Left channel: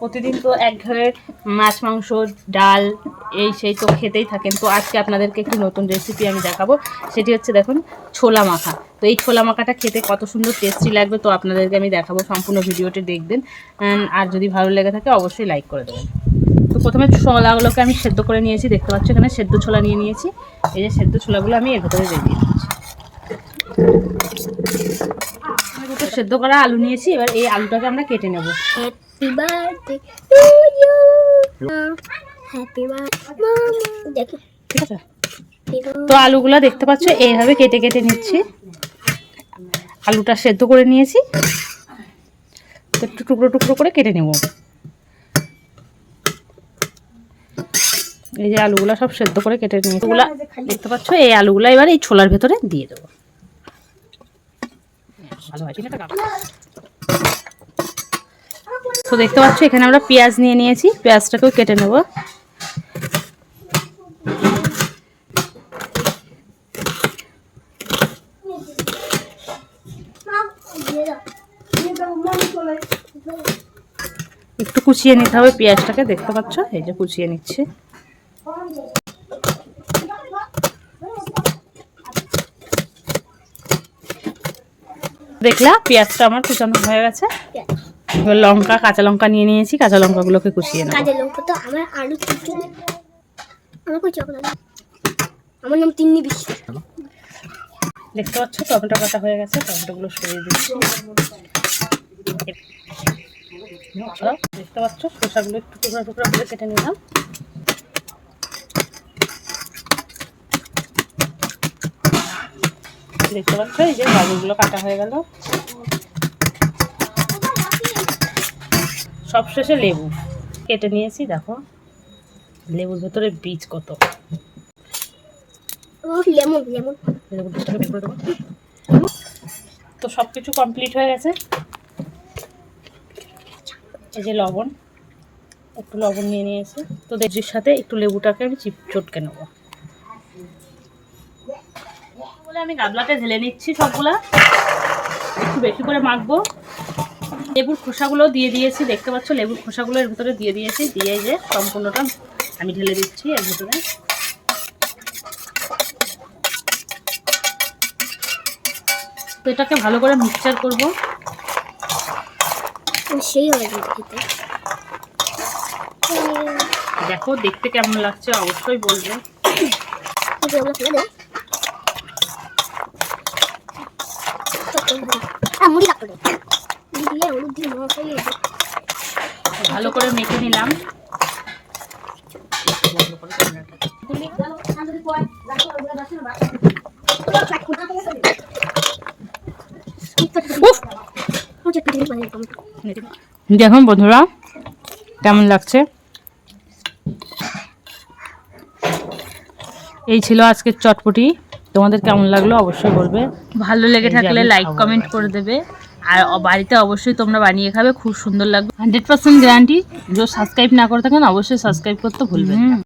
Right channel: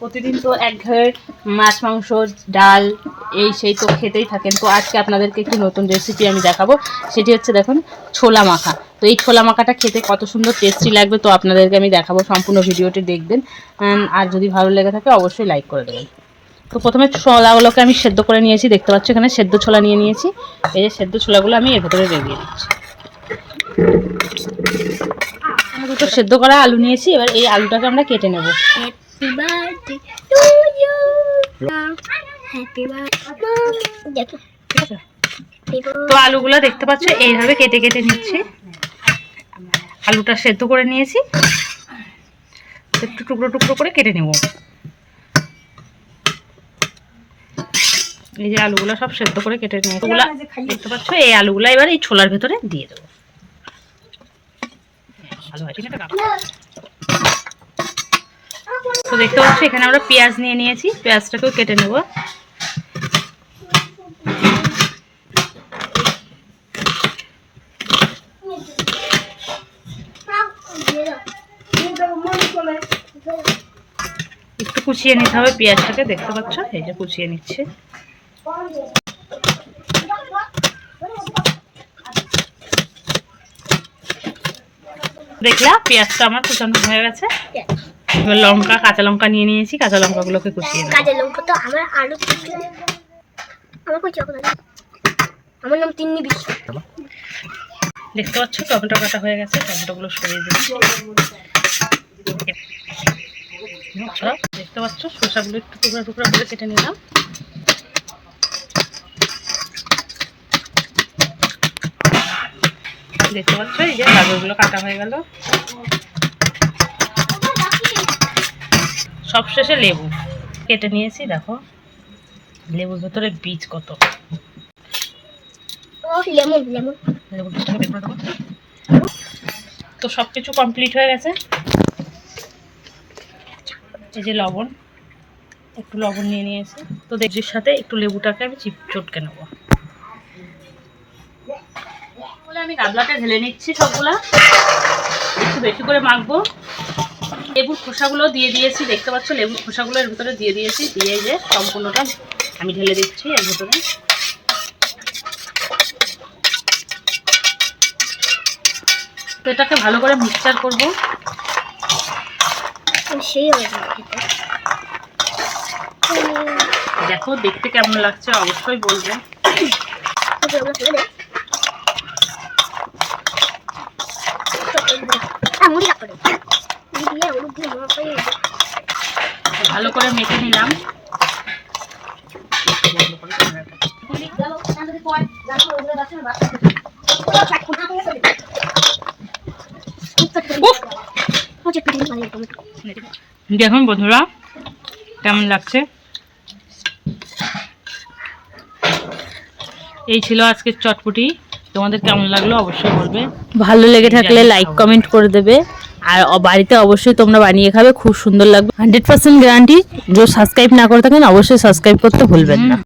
প্রতিদিন তো একঘেয়ে মাছ মাংস ডাল এই সেই তো খেতেই থাকেন। তো আজকে আপনাদেরকে একটি নতুন রেসিপি আমি দেখাবো, সেটি হচ্ছে দেখুন ছোলা মাখা। তো এই ছোলা মাখাটা খেতে কত সুন্দর টেস্টি লাগবে, তো আপনাদেরকে আমি দেখাবো, সম্পূর্ণ ভিডিওটি দেখবেন। আর যদি ভালো লেগে থাকে অবশ্যই লাইক করে দেবেন। তো প্রথমে ছোলাগুলোকে আমি সেদ্ধ করে নিয়েছি, দেখতে পাচ্ছি এখানে সেদ্ধ ছোলা নিয়ে নিয়েছি। এই যে সেদ্ধ ছোলাগুলো আমি এর ভেতরে রেখে দিচ্ছি। দুটো সেদ্ধ করা আলু নিয়েছি, এবার এই আলুটাকে আমরা কেটে নেব। তো আলুগুলো দেখতে পাচ্ছ এইভাবে কেটে কেটে নিচ্ছি। আলুটা সেদ্ধ করে নিয়েছি, একটু টুকরো টুকরো করে কেটে নেব। এই যে আলুগুলো সব সেদ্ধ করে কেটে নিয়েছি, দেখতে পাচ্ছ এই আলুগুলো এবার এই ছোলার ভেতরে দিয়ে দেবো। তো দেখতে পাচ্ছ এখানে আমরা পেঁয়াজ নিয়ে নিয়েছি, পেঁয়াজটাকেও কেটে নেব। একটু কুচিয়ে নিতে হবে পেঁয়াজটাকে, দেখতে পাচ্ছ এই যে কুচিয়ে নিচ্ছে। দেখলা পেঁয়াজটা আমার কুচানো হয়ে গেছে। এবার লঙ্কা, কাঁচা লঙ্কা নিয়ে নিয়েছি, কাঁচা লঙ্কাগুলোকে কুচিয়ে নেব। কাঁচা লঙ্কা তো আমার আলু আমার নাম তিন্নি বিশ্বাস। দেখতে পাচ্ছ টমেটো কাটা হয়ে গেছে, টমেটোগুলো সরিয়ে দিচ্ছি। দেখতে পাচ্ছ শসাগুলো একটু টুকরা টুকরা করে কেটে নিলাম। দেখতে পাচ্ছ এই যে গাজরগুলো কাটা হয়ে গেল। সবশেষে লেবু কেটে নিয়েছি, দেখো লেবুর ভেতরে বীজ কত। তো সবকিছু কমপ্লিট হয়ে গেছে। এই যে লবণ, একটু লবণ নিয়ে নিয়েছি। তো দেখছির সাথে একটু লেবুটাকে আমি চটকে নেব। আমি গাবলাতে ঢেলে নিচ্ছি, সবগুলা একটু বেশি করে মাখবো। লেবুর খোসাগুলো দিয়ে দিয়েছি, দেখতে পাচ্ছ লেবুর খোসাগুলো এর ভিতরে দিয়ে দিয়েছি। দিয়ে যে সম্পূর্ণটা আমি ঢেলে দিচ্ছি এর ভিতরে। তো এটাকে ভালো করে মিক্সচার করবো। দেখো দেখতে কেমন লাগছে অবশ্যই বলবে। ভালো করে মেখে নিলাম। দেখুন বন্ধুরা কেমন লাগছে। এই ছিল আজকের চটপটি, তোমাদের কেমন লাগলো অবশ্যই বলবে। ভালো লেগে থাকলে লাইক কমেন্ট করে দেবে, আর বাড়িতে অবশ্যই তোমরা বানিয়ে খাবে, খুব সুন্দর লাগবে। 100% গ্যারান্টি। যে সাবস্ক্রাইব না করে থাকেন অবশ্যই সাবস্ক্রাইব করতে ভুলবেন না।